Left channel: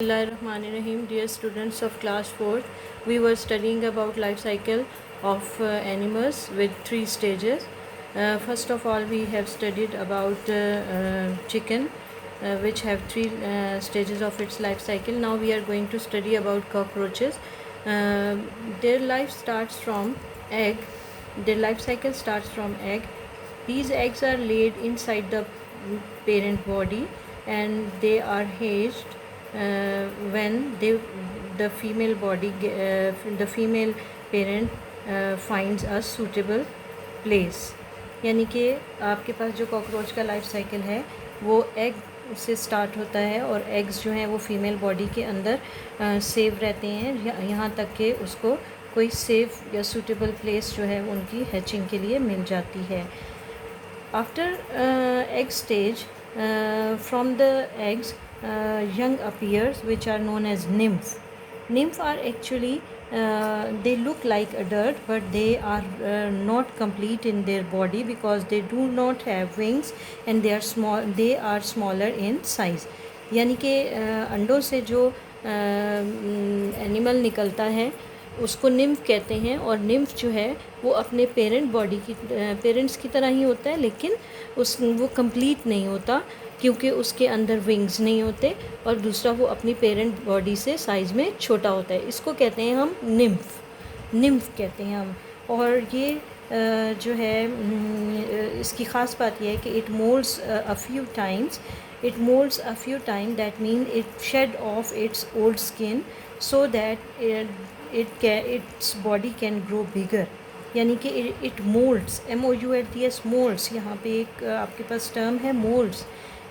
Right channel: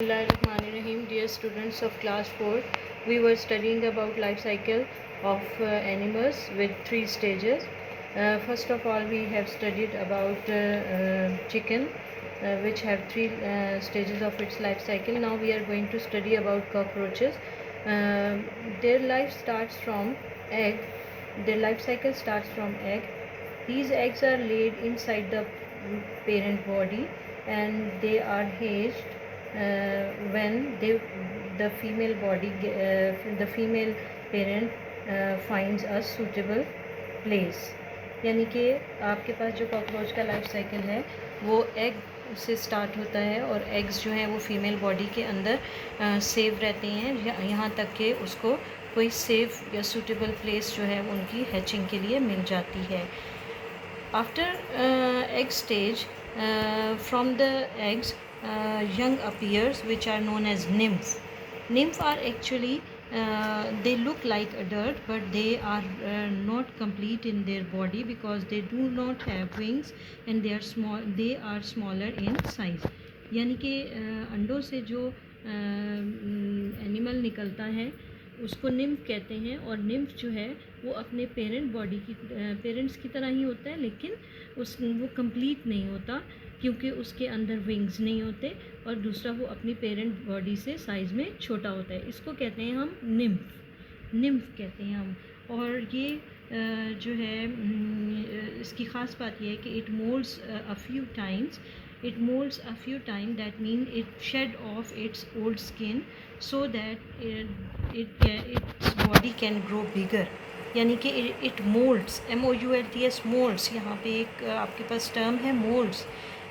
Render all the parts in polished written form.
Bismillahirrahmanirrahim. Dear students of class 4, we were studying about life cycle of animals with 3 stages. First of all, we have studied about chicken, which have 3 stages of its life cycle. Now we are going to study about cockroaches. Their life starts from egg. Their life cycle starts from egg. These eggs are laid inside the parent body and they are hatched when the female body the female parent finds a suitable place. यानी कि आपके पास जो cockroach का life cycle है वो egg से start होता है और एग्स जो हैं वो फीमेल बॉडी के अंदर सेव रहते हैं यहाँ तक कि उसको कोई सेफ या सूटेबल प्लेस जो है उनकी हैचिंग के लिए मिल जाती है. After egg stage, from the eggs young appears, which are known as nymph. Nymph are actually they look like adult, but they are not complete in their body because they do not have wings and they are small. They are smaller in size. यानी कि अंडों से जो animal निकलता है उसको nymph कहते हैं और निम्फ जो है वो अपने पेरेंट्स की तरह ही होता है, लेकिन वो कंप्लीट नहीं होता क्योंकि उसके अंदर विंग्स नहीं होते और दूसरा वो अपनी पेरेंट बॉडी से साइज़ में छोटा होता है. इसको कहते हैं हम निम्फ कहते हैं हम. और ये जो है इसकी ख़ास बात यह है कि it moulds a few times. It molds a few times. That means it shed off its old skin so that its body can grow bigger. यानी कि it molds, MOULDS, molds. यहाँ पे एक आपके पास टर्म है molds.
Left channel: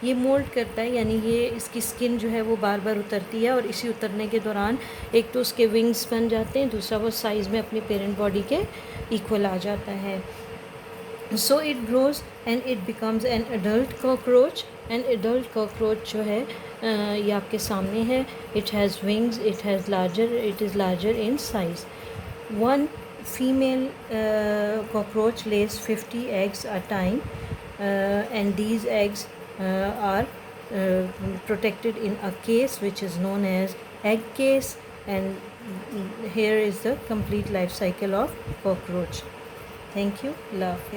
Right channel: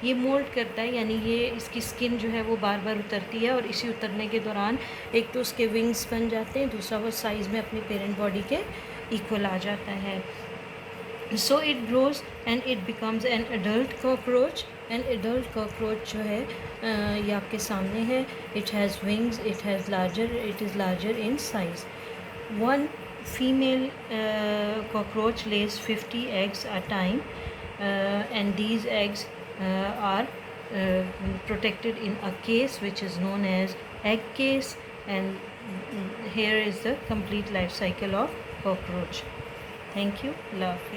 ये mould करता है यानी ये इसकी स्किन जो है वो बार बार उतरती है और इसी उतरने के दौरान एक तो उसके विंग्स बन जाते हैं, दूसरा वो साइज़ में अपनी पेरेंट बॉडी के इक्वल आ जाता है. So it grows and it becomes an adult cockroach. An adult cockroach जो है ये आपके सामने है. It has wings. It is larger in size. One female cockroach lays 50 eggs a time, and these eggs are protected in a case which is known as egg case. And here is the complete life cycle of cockroach. Thank you. Allah Hafiz.